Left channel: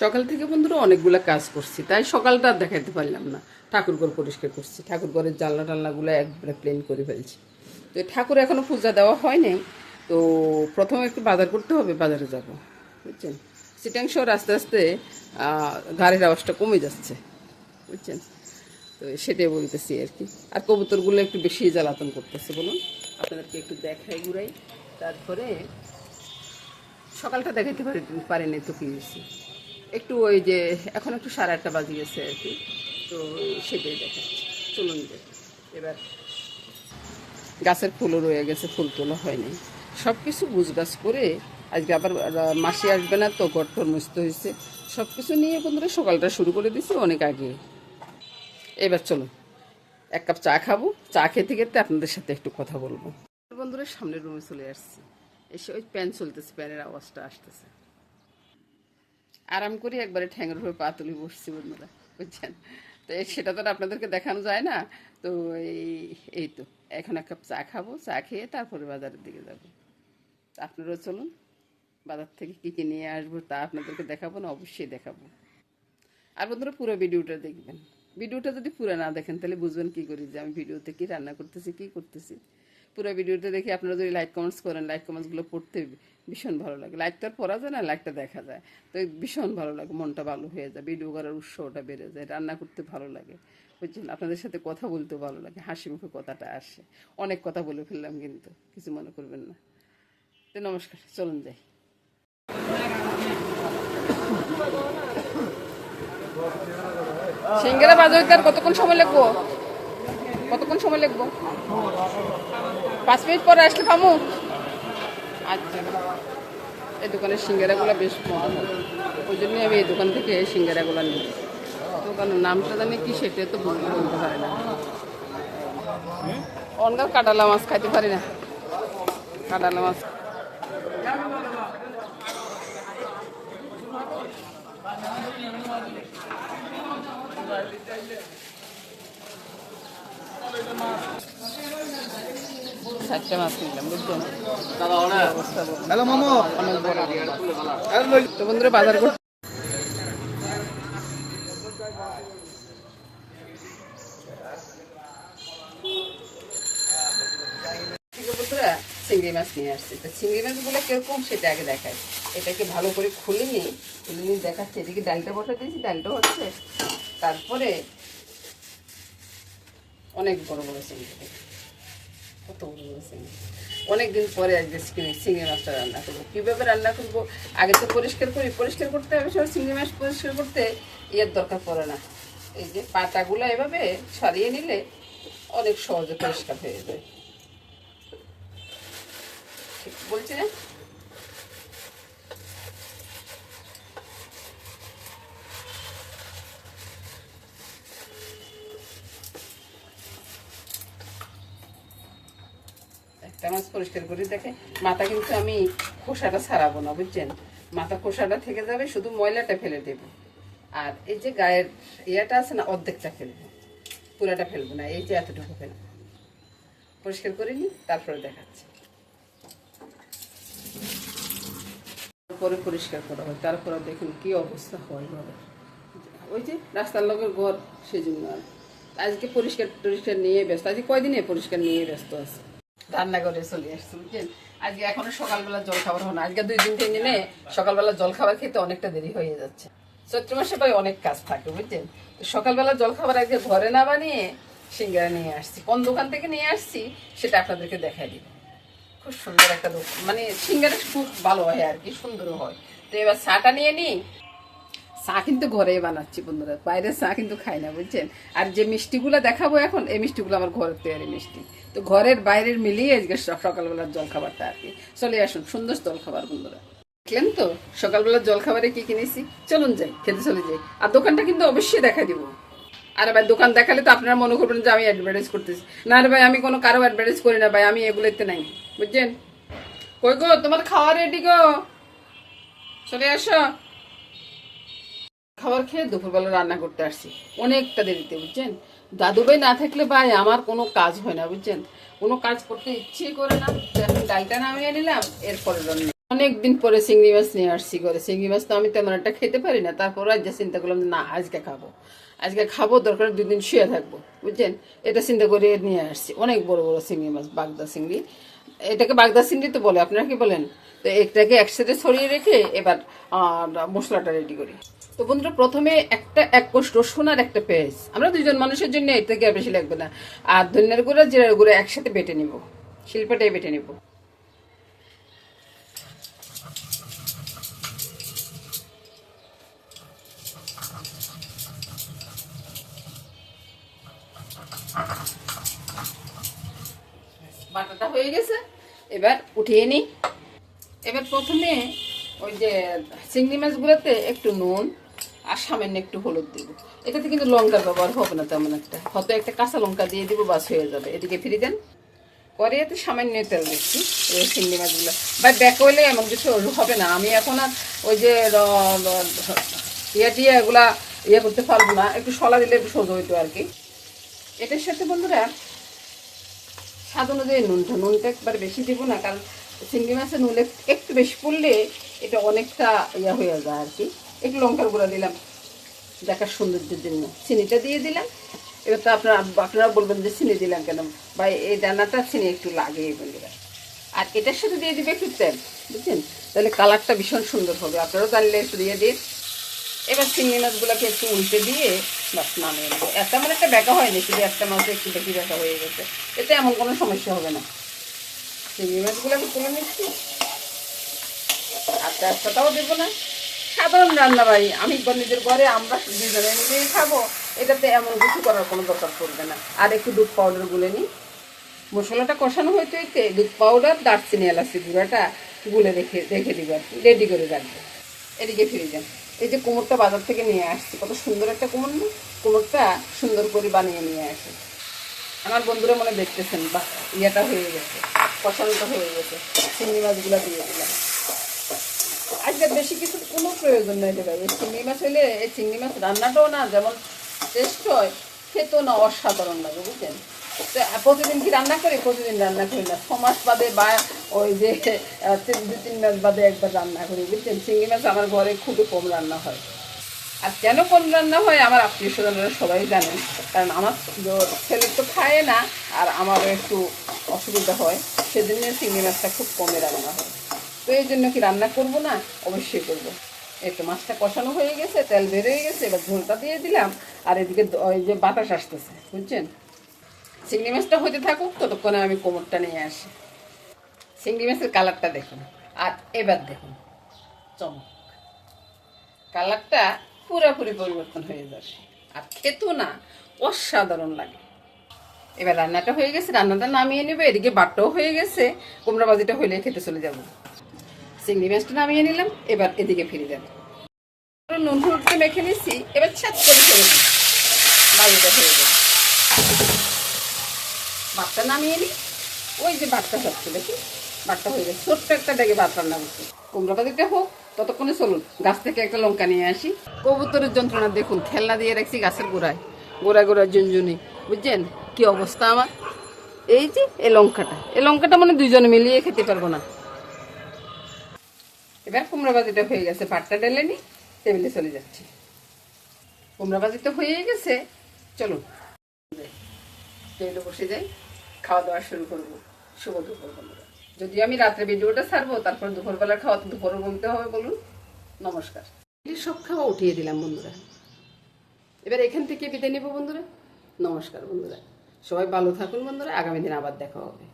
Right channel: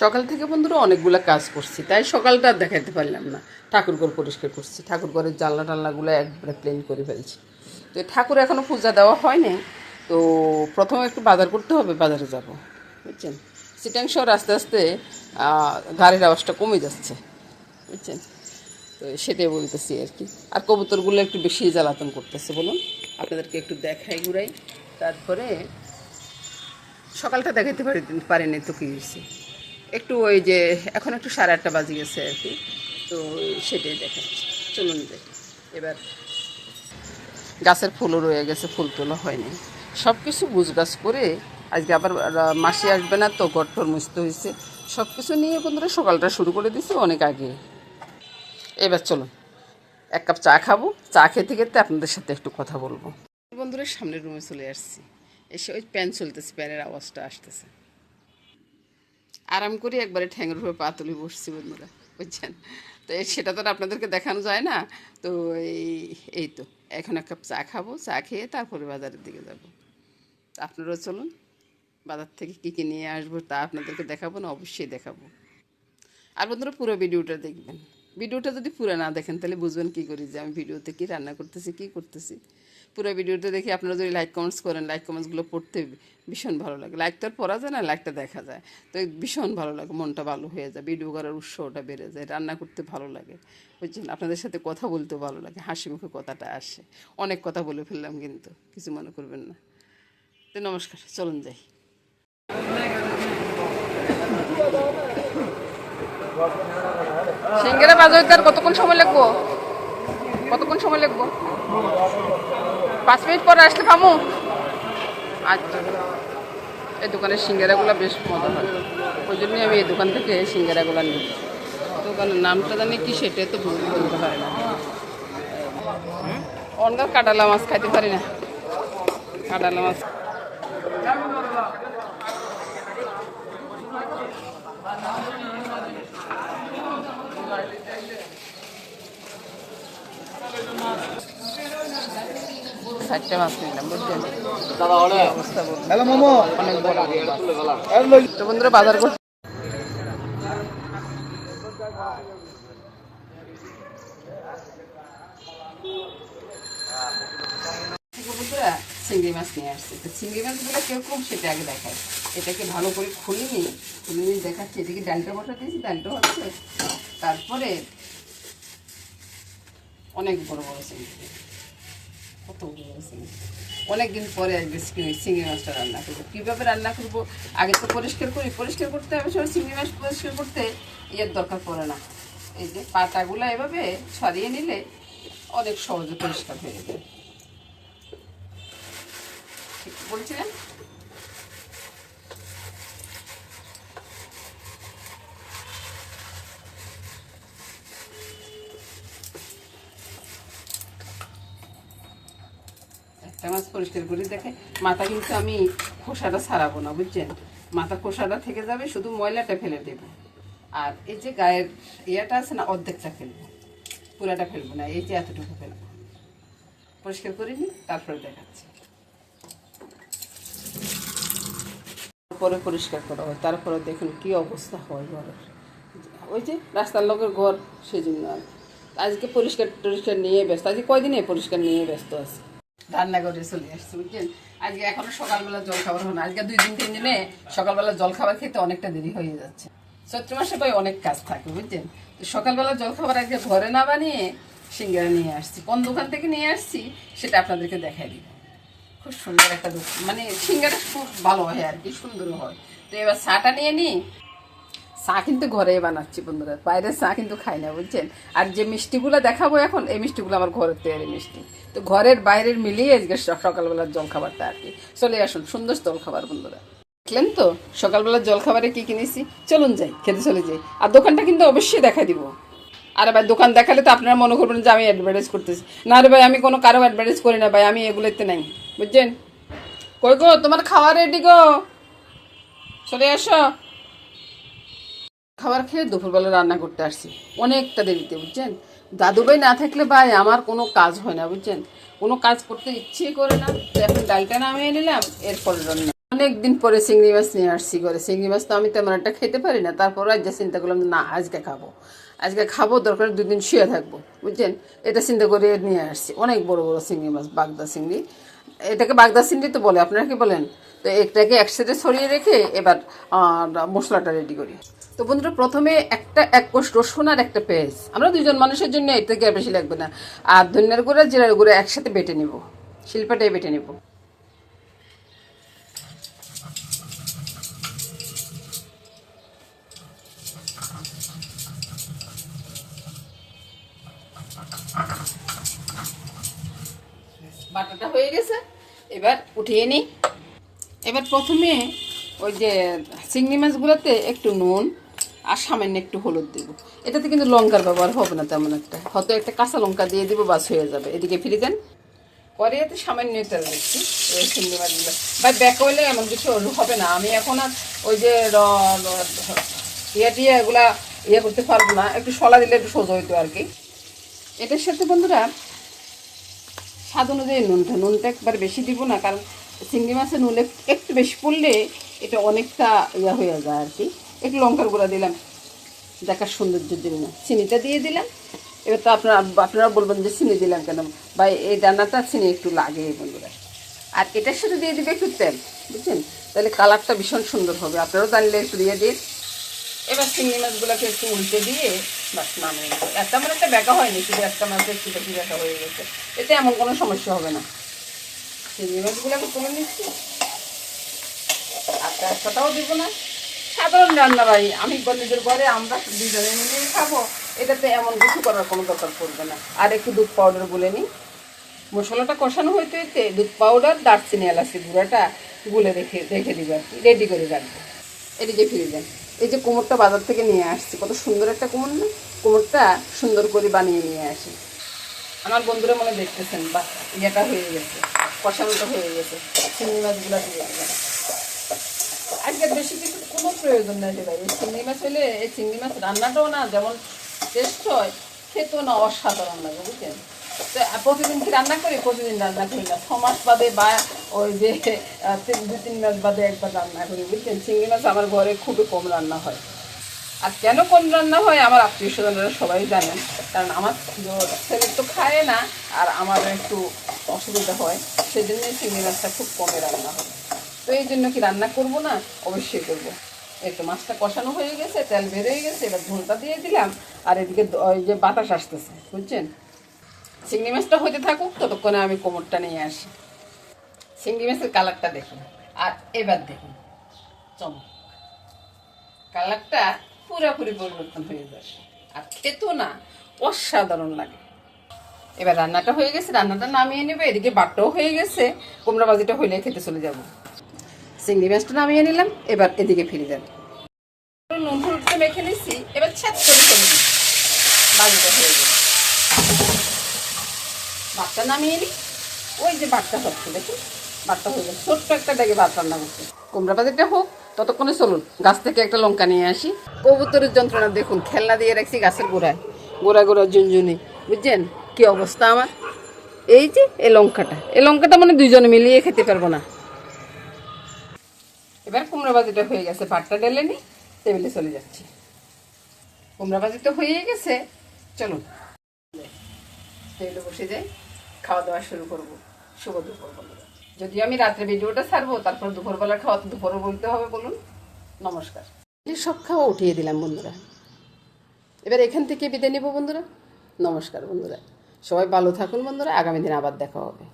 সকাল থেকে বন্ধুরা অনেকগুলো কাজ করছি, তাই সকালটা আর দেখাতে পারলাম না। ঠাকুরঘর পরিষ্কার করছি, ঠাকুরঘরের জানলা টালনাগুলো একবারে ক্লিন করে ফেলছি। তো ঠাকুর এখনও পূজা দেওয়া হয়নি, তো প্রথমে একটু বাজার করতে হবে, বাজারে যাব বুঝছেন। সিটাং শহর আস্তে আস্তে গাড়ির আওয়াজটা কমে যাচ্ছে বুঝছেন, তো সেটাই বলতেছি আর কি। আর কবুতরগুলো একটু বেশি জ্বালাতন করতেছে, বলুন আপনাদেরকে একটু দেখাই ঘুরাই। তারপরে সকালটা দেখাতে পারিনি তো কী হয়েছে, একটু ওই যে এখন একটু 8:30 বাজে গেছে আর কি, তো সেটাই দেখাচ্ছি। চলুন যাই এবার। গাছের ফুলও রয়ে গেছে, ফুল তোলা হয়নি, সব কিছু গুছগাছ করে আজকে আবার মাসি আসবে না, তো ঘর টর মুছতে হয়েছে। সব কিছু নিয়ে বন্ধুরা সকালটা শুরু করে দিছি অনেক আগে। এবার চলুন এক কাপ চা খাবো, চা খেতে খেতে আপনাদের সাথে একটু কথা বলবো। বন্ধুরা সামনের রুমে চলে আসছি, এসে ওই প্যান চলতেছে, প্যানের আওয়াজটা আসতেছে। আরাম করে একবারে ঠ্যাঙের উপরে পা তুলে বসছি বন্ধুরা বুঝছেন। তো সেটা তো আর আপনাদেরকে দেখানো যায় না, তো এই তো এখন এক কাপ চা খাবো, চা খেয়ে তারপরে বাজারের দিকে যাব। আপনারাও চলুন, বাজার থেকে কী কী নিয়ে আসবো তা আপনাদেরকে দেখাবো না, অবশ্যই দেখাবো। আর বন্ধুরা পুরো ভিডিওটা দেখবেন, ভিডিওটা যদি পুরো না দেখেন তাহলে বুঝবেন কী করি যে আমি ভিডিওতে কী রান্না করতেছি, কী করতেছি। পুরো ভিডিওটা দেখে আপনারা যদি লাইক কমেন্টস করেন, লাইক কমেন্টসগুলো পড়তে ভীষণ ভালো লাগে। লাইক তো আর পড়া যায় না, লাইকটা দেখা যায়, তো ভীষণ ভালো লাগে, মনটা ভালো হয়ে যায়, ভিডিও করার উৎসাহটা বেড়ে যায়, রান্না করতে ভালো লাগে বুঝছেন। আপনাদের সাথে কথা বলতেও ভালো লাগে, হাসি মুখে কথাটা আসে। অনেক কথা বলে ফেললাম কিন্তু কিছু মনে করবেন না। তো নমস্কার, চলুন যাই। সিঙ্গারা বাজার আর কতক্ষণ সময় লাগবো, কতক্ষণ সময় লাগবো? 5 মিনিট পরে আসলে পাবো। আচ্ছা, এই দোকানের সিঙ্গারাগুলো বেশ মজা হয়, ওই জন্যই আমি এই দোকান থেকে সিঙ্গারাগুলো নিই। দোকানের নামটা জানি কি সেটা তো বলতে পারি না। অনগার কাটালা মাছ খাইতে পারি না, কাটালা মাছ। চারটে মাছ নিলাম বুঝছেন, অবস্থা অনেক বড় তো বন্ধুরা বাজার করতে। চিংড়ি মাছ নিয়ে আসছে, তো চিংড়ি মাছগুলো কিরকম সেটা আগে দেখায়। এটাকে ভালো করে খুলে নিয়ে দেখাচ্ছে। এটাকে ডালটা বসা দিয়েছি, ডালটা হচ্ছে। তারপরে অনেক বড় বড় চিংড়ি, কত বড় বড় চিংড়ি। অনেকদিন পরে আজকে চিংড়ি মাছটা রান্না করবো। কীভাবে রান্না করবো, আগে তো পরিষ্কার করি, পরিষ্কার করতে হবে সব। চিংড়ি মাছ পরিষ্কার করতে ইয়ের দরকার পড়ে না, এই যে পাতাগুলো এভাবে ছড়িয়ে নিলে অনেক সহজে পরিষ্কার হয়ে যায়। ঠিক বলছি না? একটা মাছ পরিষ্কার করে দেখে, মাথা কিন্তু আমি খোসাটা ছাড়াবো না বুঝছেন, মাথা খোসাটা থেকে যাবে, শুধু ময়লাটা ফেলে দেব। আর এই যে গায়ের ইয়েটা আছে না, অর্ধেকটা ফেলবো, পুরাটা ফেলবো না, এই যে এতটুকু ফেলবো। পরিষ্কার করে নিই, তারপরে দেখাচ্ছি। পরে পরিষ্কার করা হয়, তারপরে দেখুন কি অবস্থা হয় ঘরের। ওই যে রাস্তার লোকের ঘর, সেই জন্য আজকে পরিষ্কার টরিষ্কার নিয়ে ব্যস্ত। আজকে কয়দিনে পরিষ্কার নিয়ে ব্যস্ত আছে, রান্না করে চলে আসছে বুঝছেন। আজকে এখনো সকালবেলা জল খাবার হয় না, আজকে 2-3 দিনে সকালবেলা জল খাবার খেতে অনেকটা দেরি হয়ে যাচ্ছে। চৈত্র মাসে ভাই অনেক কাজ থাকে বুঝছেন, তো সকালবেলা জল খাবার আজকে ঘরে না বানিয়ে সিঙ্গারা নিয়ে আসছি। কোন দোকান থেকে নিয়ে আসছি সেটা আপনাদেরকে দেখাই দিব। খুব সুন্দর একটা দোকান, মানে সিঙ্গারা খুব ভালো হয় আর কি, সুন্দরও হয়। তো এবার চাটা নিয়ে নিই। চা কিন্তু ঘরেই বানাচ্ছি বন্ধুরা, বাইরের চা কিন্তু খাই না বুঝছেন। আর যে মিষ্টিগুলো দেখাবো এখন, এই মিষ্টিগুলো আমার ঘরের তৈরি মিষ্টি, তো ঘরের বাইরের মিলিয়ে আজকে সকালবেলার জল খাবারটা আর কি। চলে আসুন, সুন্দর জল খাবার বন্ধুরা। দেখলেন তো সকালবেলার জল খাবারে কি কিনেছি, চলুন যাই, খেতে চলে যাই। আর দোকানটা কিন্তু অবশ্যই দেখা দিব। আরে ভাই দোকান দেখালে তো আপনারা মনে করবেন যে আমি অ্যাডভার্টাইজ করতেছি। না রে ভাই, আমি কোনো কারো অ্যাডভার্টাইজ করি না ভাই, আমি এগুলোতে নাই বুঝছেন। কই গো, তোমার খাওয়া রেডি গো, চলে আসো। খাবার খেয়ে দুপুরবেলা রান্না করতে আসছি অনেকটা দেরিতে বুঝছেন। দাদুভাই না থাকলে ভাই আমার কোনো কাজ হয় না বুঝছেন, কোনো কাজ করতে ইচ্ছেই করে না। তো এখন ডালটা নামিয়ে নিলাম, এরপরে রান্না। অনেকদিন পরে চিংড়ি মাছ নিয়ে আসছি করে। চিংড়ি মাছ তো আমি তেমন একটা খেতে পারি না, তারপর আজ চিন্তা করলাম যে না আজকে খাবো, আজকে খাবো, দরকার 2 দিন শুয়ে থাকবো, বুঝছেন, এটা চিন্তা করে নিয়ে আসছি। অনেক বড় বড় চিংড়ি মাছ, বাগদা চিংড়ি, এটাকে বাগদা চিংড়ি তো বলে, আপনারা কি বলেন? তো এটাকে একসাথে ছড়িয়ে রেখে এবার মশলাটা রেডি করি। তো বন্ধুরা, প্রথমে এক কোষ রসুন আর একটা পেঁয়াজ, আমরা 2জন মানুষের জন্য এটা কি আর বেশি লাগবে না, আর ধনিয়ার গুঁড়া জিরার গুঁড়া একসাথে বেটে নিব, শিলপাটায় বেটে নিব। বাটাটা হয়ে গেছে, এবার উঠিয়ে নিই। এবার প্রথমে ওই যে চিংড়ি মাছগুলোতে একটু নুন আর সামান্য একটু হলুদ দিব। এটাতে কিন্তু লঙ্কার ব্যবহার হবে না তেমন একটা, হয়তো একটা কাঁচা লঙ্কা দিয়ে দিব, বাস হয়ে যাবে। এদিকে ফিরে যান, পরে এতে সামান্য তেল দিচ্ছি ওই চিংড়ি মাছগুলো। বা দেখলে এমন কিছু হবে না, আমি এখন আর ওই যে দিয়ে এগুলা করতে পারবো না, একটু সলা দিলে একটু সোজা হইতো আর কি। এটার সাথে বন্ধুরা স্বাদ অনুযায়ী নুনটা একবার বেশি দিব না, কারণ চিংড়ি মাছের নুনে একটু বেশি পড়লে এটা অনেকটা হয়ে যায় আর কি। একটু লঙ্কার গুঁড়া দিলাম দেখার সৌন্দর্যের জন্য, চিনিটা দিয়ে দিলাম। এবার তো আপনারা বলবেন যে চিনি দিলাম কেন, বা এই রান্নাটা চিনি একটু লাগে বন্ধুরা। আর এটার সাথে দিয়ে দিবে একটু তেল, বুঝছেন, তাহলে কালারটা ভীষণ সুন্দর হবে, আপনারাও জানলে একটু দিয়ে দিন। এবার চিংড়ি মাছগুলোকে একটু উল্টে দিয়ে বাস নামিয়ে নেবো। তেমন একটা ব্যাকা হয়নি, শুধু একটা মাছ একটু বেশি ব্যাকা হয়ে গেছে, এতে এমন কোনো সমস্যা হবে না। চিংড়ি মাছগুলোকে তুলে নিচ্ছি, আর তেজপাতাও দেবো না। সাধারণ রান্না ভাই, আমি নিজের ঘরে আমরা 2জনে মিলেই খাবো, এটাতে এমন কিছু করার কোনো দরকার পড়বে না। আর একটু দুধ পাউডার গুলে নিই, মশলাটা কষানো হইতে হইতে দুধ পাউডার, দারচিনি, এলাচি গুঁড়াটা গুলে রেখে দিব আর কি, রেডি করে রাখবো। এদিকে ফিরে যান, এই যে কোমরটা বাজার থেকে নিয়ে আসছি, কত সুন্দর একটা কোমর না, কোমরটা সুন্দর করে বানিয়ে নিয়ে আসে। আমার বন্ধুরা মনে দেখতেছেন বা ইয়েটা হয়ে গেছে, কষানোটা হয়ে গেছে, চিংড়ি মাছগুলো দিয়ে দিলাম। আজকে বেশি কিছু কোনো প্রয়োজন নাই রে ভাই, এই চিংড়ি মাছ হইলে, এই চিংড়ি মাছ রান্নাটাও না যেমন টেস্ট হয়, খেতেও না অসাধারণ লাগে, বুঝছেন। তো প্রতিদিন কি রান্না করি? প্রতিদিন রান্না করি না, 6 মাস বাদে বা ওই যে 2-3 মাস বাদে একবার রান্না করি, বুঝছেন। চিংড়ি মাছ আমার ঘরে খুবই কম রান্না হয়। আর কেন কম রান্না হয় আমার আত্মীয় স্বজনরা সবাই জানেন, কারণ আমার ছেলে তো খায় না, আর আমারও একটু অসুবিধা হয়, সেজন্য চিংড়ি মাছটা খুব কমে রান্না হয়। তো এই জন্য কি রান্না করব না? অবশ্যই করব। এই তো মাছটা কষানো হয়ে গেছে, তেল বেরিয়ে গেছে, এবার ঝোলটা দিয়ে দিলাম। আর এদিকে ওই যে বাতাস আসতেছে, বুঝছেন। চিংড়ি মাছটা হতে থাকুক, ততক্ষণে আমি কোমরটা নিয়ে আসি। চিংড়ি মাছের কালারটা দেখুন, আর এবার দেখুন চমক, কালারটা পুরোপুরি পরিবর্তন হয়ে যাবে, আর খেতেও না অসাধারণ লাগে। এবার রান্নাটা হয়ে গেছে, রান্নাটা নামিয়ে নেবে। এদিকে বাটটাও হয়ে গেছে, কুমড়া ভাজিটা হইলে খেতে চলে যাব। চিংড়ি মাছটা নামিয়ে নিলাম, এবার এদিকে ফিরে যান। নুন হলুদটা মেখে নিচ্ছি, এবার ছাদ করে ফেলে দিই, ভাজিটা হয়ে গেছে। ভাতটা নামিয়ে নিই, ওই যে ভাতটা হচ্ছে দেখি, ভাতটা হয়ে গেছে। ছোট্ট একটা ডেকে ভাত রান্না করছি, কুমড়া ভাজিটা হোক, ততক্ষণে চলুন গাছ থেকে একটা লঙ্কা নিয়ে আসি। কবুতরের যন্ত্রণা দেখুন, খেলনা দিয়ে রাখছি গাছের গোড়ায়, গোড়ায় ঝুনঝুনি, বুঝছেন কি অবস্থা আমার। এই যে এই লঙ্কাটা মানে 2জনে মিলিয়ে খেতে পারবো না। এবার কুমড়া ভাজিটা হয়ে গেছে, ভাতটা ঢেলে নি, টেবিলে চলে যাচ্ছি। কুমড়া ভাজিটা হয়ে গেছে, চলুন টেবিলে বসে যাই, খাওয়া দাওয়া শুরু করবো। শুভ দুপুর বন্ধুরা। যদিও আমি রাত্রে ভিডিওটা ছাড়বো, তারপর দুপুরবেলা খাওয়া, দুপুরও বলতে হবে বলুন। নমস্কার। সব খাওয়া উঠিয়ে দিলাম বন্ধুরা, এবার এখান থেকে বিদায় নেব বন্ধুরা। নমস্কার বন্ধুরা, সবাই ভালো থাকুন বন্ধুরা, আগামী দিন আবার দেখা হবে।